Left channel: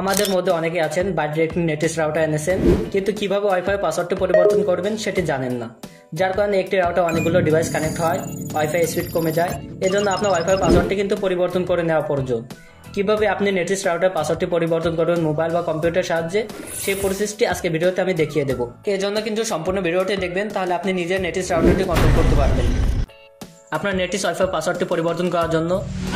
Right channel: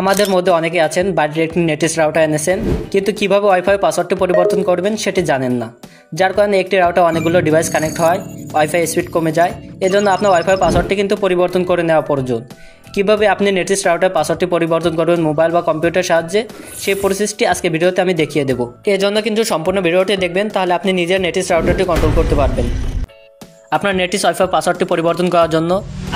আমাদের মধ্যে অনেকে আছেন বাড়ির একটি নেটিস রাউটার এনেছেন, কিন্তু কিভাবে ওয়াইফাই পাসওয়ার্ডটি পরিবর্তন করবেন সেটি জানেন না। যার কারণে একটি রাউটার অনেকগুলো ডিভাইস কানেক্ট হয়, ওয়াইফাই স্পিড কমে যায়। এজন্য আপনার ওয়াইফাই পাসওয়ার্ডটি কিন্তু পরিবর্তন করে নেওয়া প্রয়োজন। কিভাবে আপনি নেটিস রাউটার পাসওয়ার্ডটি পরিবর্তন করবেন মোবাইল বা কম্পিউটার সাহায্যে, সেই প্রসেসটি আজকে ভিডিওতে আমি দেখিয়ে দেবো। এর জন্য কিন্তু সম্পূর্ণ ভিডিওটি দেখবেন, তাহলে আপনি নিজের নেটিস রাউটারটি কন্ট্রোল করতে পারবেন। আপনার নেটিস ওয়াইফাই পাসওয়ার্ডটি পরিবর্তন করার জন্য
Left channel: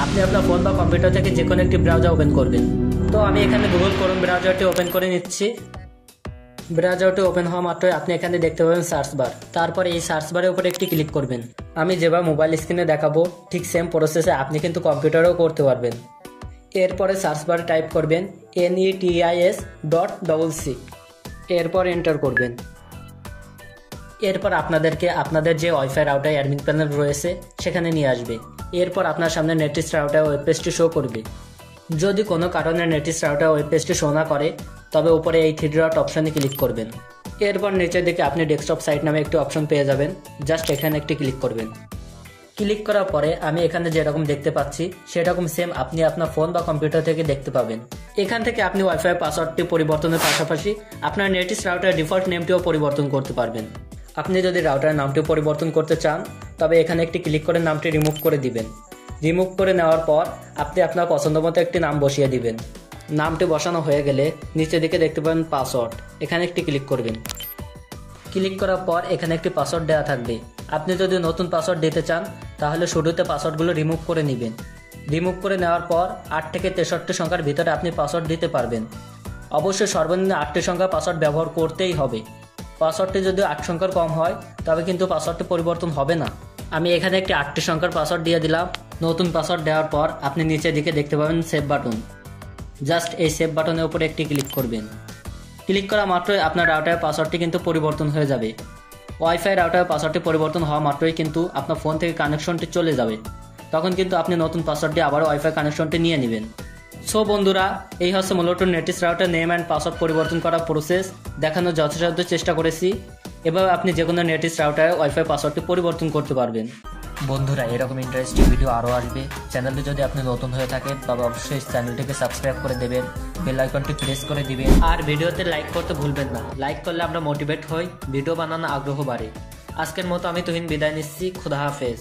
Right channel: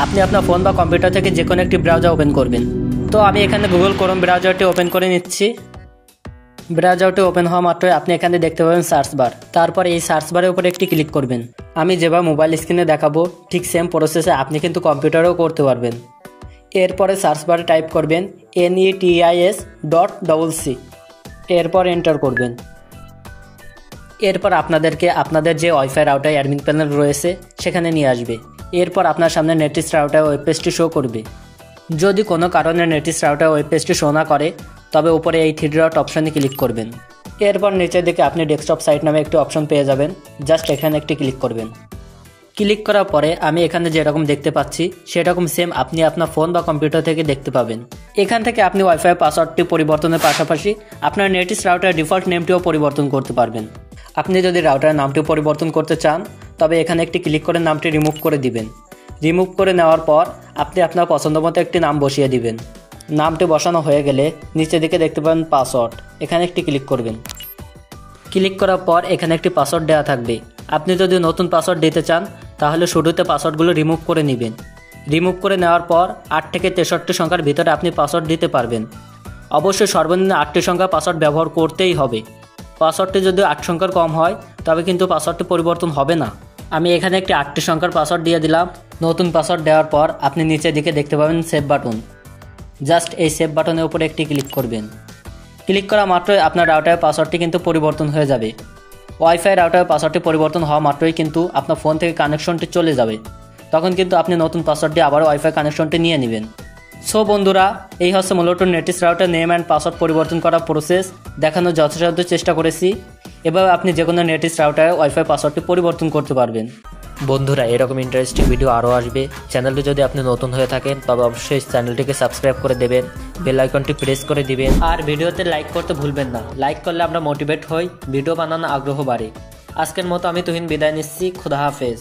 আপনি আপনার ফোন বা কম্পিউটার থেকে যে কোনো একটি ব্রাউজার ওপেন করবেন। তো আমি এখানে গুগল ক্রোম ব্রাউজারটি ওপেন করে নিচ্ছি। ব্রাউজারটি ওপেন হওয়া মাত্রই আপনি এখানে দেখতে পাবেন সার্চ বার। তারপর এই সার্চ বারের উপরে একটি ক্লিক করবেন। আমি যেভাবে মোবাইল স্ক্রিনে দেখাবো ঠিক সেম প্রসেসে আপনি কিন্তু কম্পিউটারেও করতে পারবেন। এরপরে সার্চ বারে টাইপ করবেন netis.cc, এরপর এন্টার করবেন। এরপর আপনাদেরকে আপনাদের যে ওয়াইফাই রাউটার অ্যাডমিন প্যানেল রয়েছে সেখানে নিয়ে আসবে। এরপর আপনার সামনে নেটিস রাউটার ওয়েব পেজটি শো করবে। যদি কোনো কারণে নেটিস রাউটার ওয়েব পেজটি শো না করে, তবে উপরে এই 3 ডট অপশনে ক্লিক করবেন। এরপর নিচের দিকে আপনি ডেস্কটপ সাইট নামে একটি অপশন পেয়ে যাবেন, জাস্ট এখানে একটি ক্লিক করবেন। ক্লিক করার পরে আমি এখানে যেরকম দেখতে পাচ্ছি সেরকম সেম আপনি আপনার ফোন বা কম্পিউটার থেকে দেখতে পাবেন। এখান থেকে আপনি ওয়াইফাই পাসওয়ার্ডটি পরিবর্তনের পাশাপাশি আপনার নেটিস রাউটার ডিফল্ট নেমটিও পরিবর্তন করতে পারবেন। আপনি যদি রাউটারের নামটি পরিবর্তন করতে চান, তবে এখানে একটি ক্লিক করে নামটি রিমুভ করে দিবেন। রিমুভ করে নেওয়ার পর আপনি আপনার পছন্দ মতো একটি নাম বসিয়ে দিবেন। নামটি বসানো হয়ে গেলে নিচের দিকে দেখতে পাবেন পাসওয়ার্ড, এখানে একটি ক্লিক করবেন। ক্লিক করার পর এখানে একটি পাসওয়ার্ড দেওয়া থাকবে। আপনি যদি নতুন পাসওয়ার্ড দিতে চান, তাহলে শুরুতে পাসওয়ার্ডগুলো রিমুভ করে নেবেন। রিমুভ করে নেওয়ার পর 8 থেকে 63 সংখ্যার ভিতরে আপনি পাসওয়ার্ড দিতে পারবেন। অবশ্যই সর্বনিম্ন 8টি সংখ্যা পাসওয়ার্ড ব্যবহার করতেই হবে। পাসওয়ার্ডটি যদি 8 সংখ্যার কম হয়, তবে কিন্তু পাসওয়ার্ডটি পরিবর্তন হবে না। আমি এখানে একটি 8টি সংখ্যার পাসওয়ার্ড দিয়ে দিলাম। নতুন পাসওয়ার্ড দেওয়ার পর আপনি নিচের দিকে দেখতে পাবেন সেভ বাটন। জাস্ট এই সেভ বাটনের উপরে একটি ক্লিক করবেন। ক্লিক করা মাত্রই আপনার রাউটারের পাসওয়ার্ডটি কিন্তু পরিবর্তন হয়ে যাবে। ওয়াইফাই রাউটারের পাসওয়ার্ডটি পরিবর্তন হওয়া মাত্রই কিন্তু আপনার ফোন থেকে কানেকশনটি চলে যাবে। তখন কিন্তু আপনি নতুন পাসওয়ার্ডটি আবারও ওয়াইফাই কানেকশনটি নিয়ে নেবেন। সো বন্ধুরা, এই হচ্ছে মূলত Netis router name and password পরিবর্তন করার প্রসেস। দেখানোর যথাসাধ্য চেষ্টা করেছি। এভাবে আপনি যে কোনো নেটিস রাউটারে ওয়াইফাই পাসওয়ার্ডটি পরিবর্তন করতে পারবেন। বন্ধুরা, এরকম ইন্টারেস্টিং ভিডিও আরও আসবে। চ্যানেলটি যদি আপনি নতুন হয়ে থাকেন, তবে অবশ্যই চ্যানেলটিকে সাবস্ক্রাইব করে দেবেন, বেল আইকনটি প্রেস করে দিবেন, আর ভিডিওতে লাইক করতে ভুলবেন না। লাইক করলে আমরা মোটিভেট হই, ভিডিও বানানোর আগ্রহ বাড়ে। আজকের মতো আমি তুহিন বিদায় নিচ্ছি। খুদা হাফেজ।